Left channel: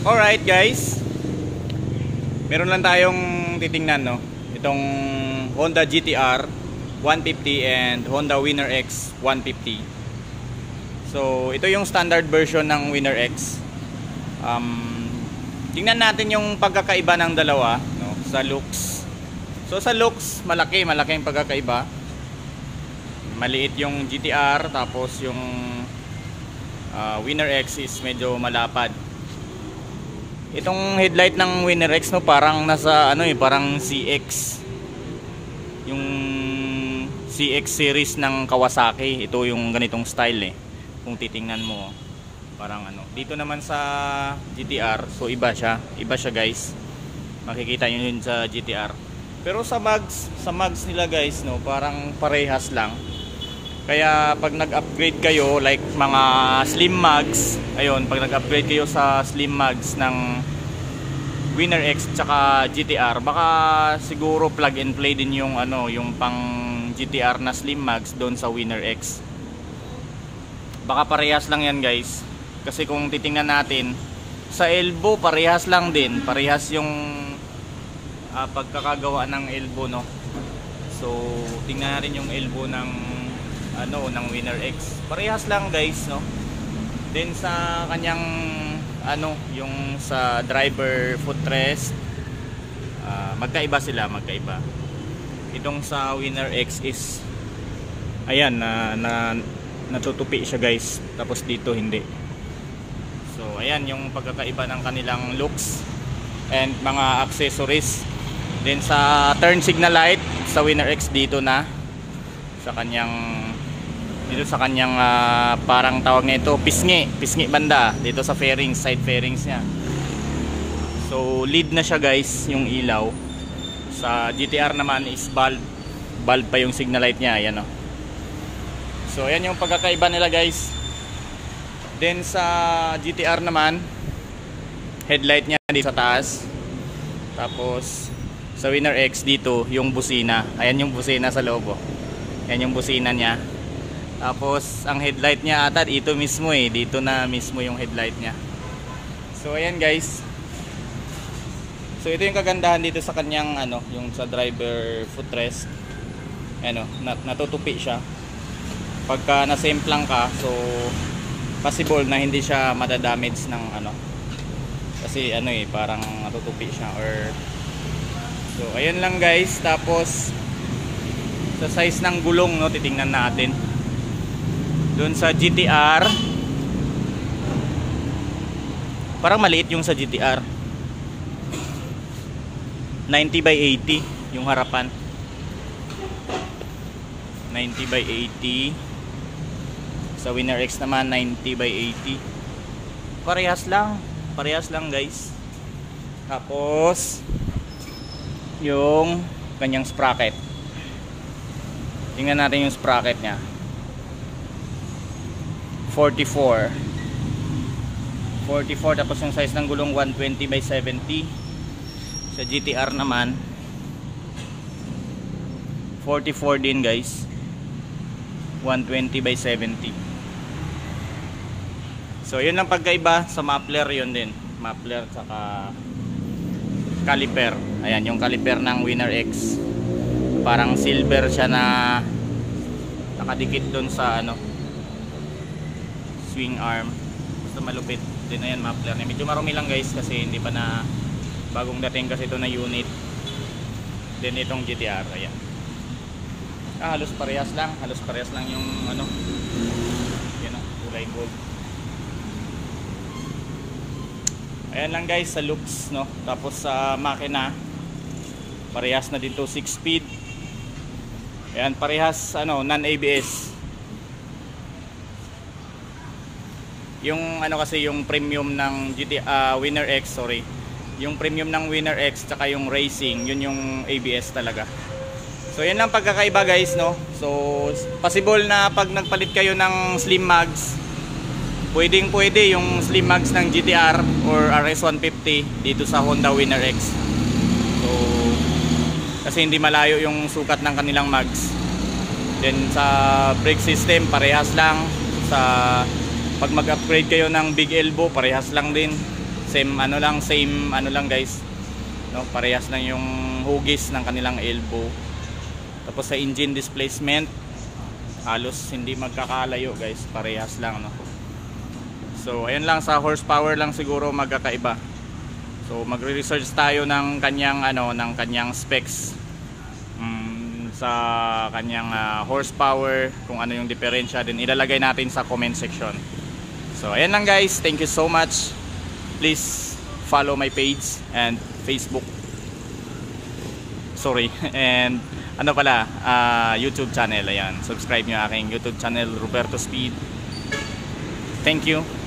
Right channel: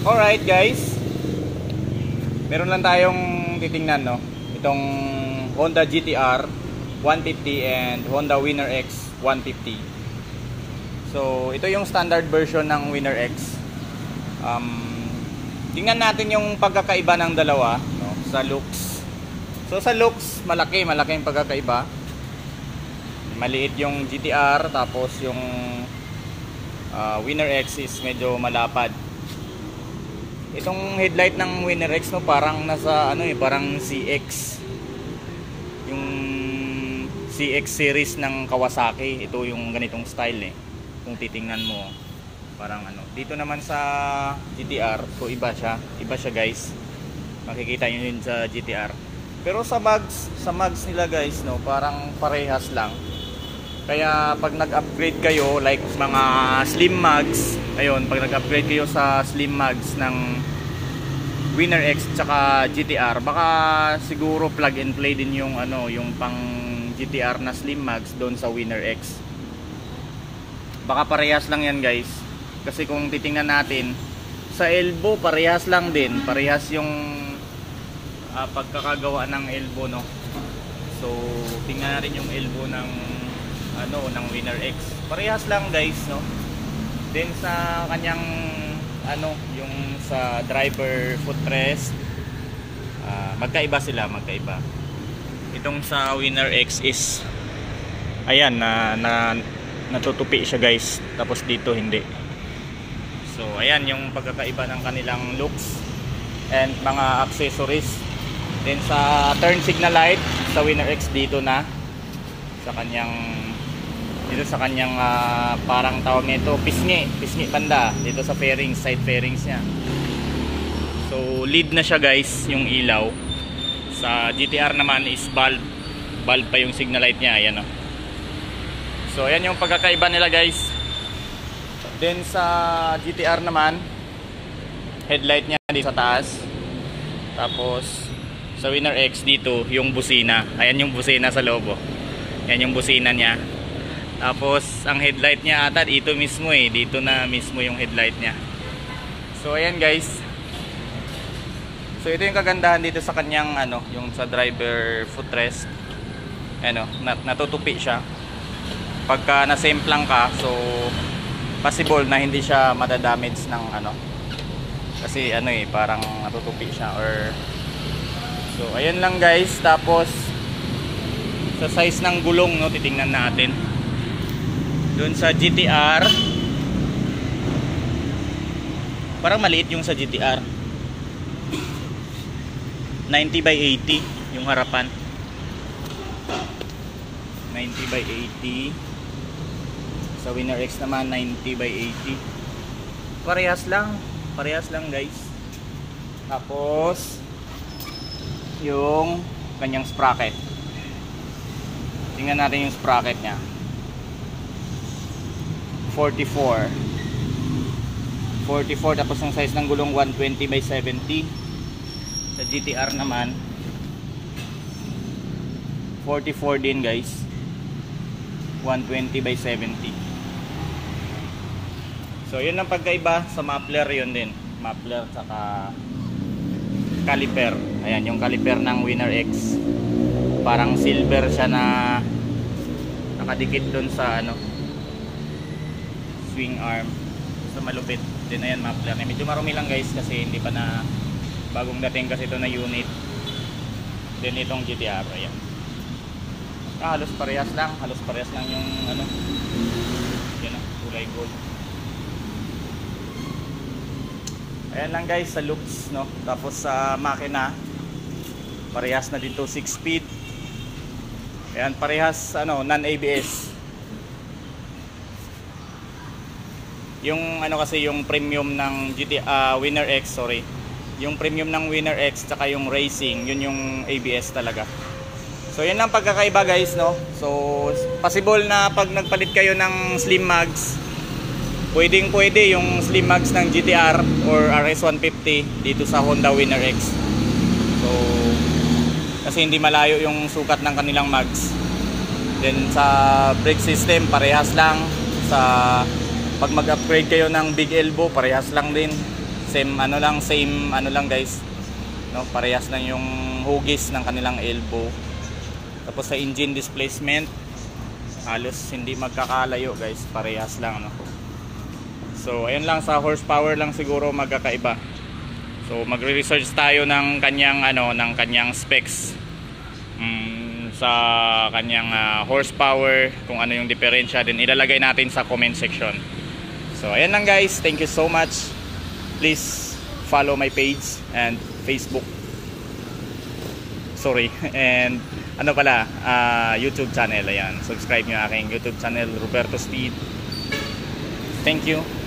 Alright guys, meron lang tayong titingnan, no? Itong Honda GTR 150 and Honda Winner X 150. So ito yung standard version ng Winner X. Tingnan natin yung pagkakaiba ng dalawa, no? Sa looks. So sa looks, malaking pagkakaiba. Maliit yung GTR, tapos yung Winner X is medyo malapad. Itong headlight ng Winner X, no, parang nasa parang CX. Yung CX series ng Kawasaki, ito yung ganitong style Kung titingnan mo, parang Dito naman sa GTR, so iba siya guys. Makikita niyo yun sa GTR. Pero sa mags nila guys, no, parang parehas lang. Kaya pag nag-upgrade kayo, like mga slim mags, ayun, pag nag-upgrade kayo sa slim mags ng Winner X tsaka GTR, baka siguro plug and play din yung yung pang GTR na slim mags doon sa Winner X. Baka parehas lang yan guys. Kasi kung titingnan natin sa elbow, parehas lang din. Parehas yung pagkakagawa ng elbow, no. So tingnan natin yung elbow ng ng Winner X. Parehas lang guys, no. Then sa kanyang yung sa driver footrest, magkaiba sila, magkaiba. Itong sa Winner X is ayan, natutupi siya guys, tapos dito hindi. So ayan yung pagkakaiba ng kanilang looks and mga accessories. Then sa turn signal light sa Winner X, dito na sa kanyang parang tawag nito pisngi banda dito sa fairings, side fairings niya. So lead na siya guys yung ilaw. Sa GTR naman is bulb pa yung signal light niya, ayan. So ayan yung pagkakaiba nila guys. Then sa GTR naman, headlight niya dito sa taas. Tapos sa Winner X dito yung busina. Ayan yung busina sa loob. Ayan yung busina niya. Tapos ang headlight niya ata dito mismo dito na mismo yung headlight niya. So ayan guys. So ito yung kagandahan dito sa kanyang yung sa driver footrest. Natutupi siya. Pagka nasemplang ka, so possible na hindi siya madadamage ng kasi parang natutupi siya or so ayun lang guys. Tapos sa size ng gulong, no, titingnan natin. Doon sa GTR, parang maliit yung sa GTR. 90 by 80 yung harapan. 90 by 80. Sa Winner X naman 90 by 80. Parehas lang guys. Tapos yung kanyang sprocket. Tingnan natin yung sprocket niya. 44, tapos yung size ng gulong 120 by 70. Sa GTR naman 44 din guys, 120 by 70. So yun ang pagkaiba. Sa muffler yun din, muffler saka caliper. Ayan yung caliper ng Winner X, parang silver siya na nakadikit doon sa swing arm. So malupit din. Ayan muffler niya, medyo marumi lang guys kasi hindi pa na bagong dating kasi ito na unit. Then itong GTR, ayan, halos parehas lang yung yan kulay gold. Ayan lang guys sa looks, no. Tapos sa makina, parehas na dito 6 speed. Ayan, parehas non-ABS. Yung kasi yung premium ng Winner X, yung premium ng Winner X tsaka yung racing, yun yung ABS talaga. So yan lang pagkakaiba guys, no. So possible na pag nagpalit kayo ng slim mags, pwede yung slim mags ng GTR or RS150 dito sa Honda Winner X. So kasi hindi malayo yung sukat ng kanilang mags. Then sa brake system, parehas lang. Sa pag mag-upgrade kayo ng big elbow, parehas lang din. Same ano lang guys, no, parehas lang yung hugis ng kanilang elbow. Tapos sa engine displacement, halos hindi magkakalayo guys, parehas lang, no. So ayan lang, sa horsepower lang siguro magkakaiba. So magre-research tayo ng kanyang specs, sa kanyang horsepower, kung ano yung diferensya, din ilalagay natin sa comment section. So ayan lang guys, thank you so much. Please follow my page and Facebook, and YouTube channel. Ayan, subscribe nyo aking YouTube channel, Roberto Speed. Thank you.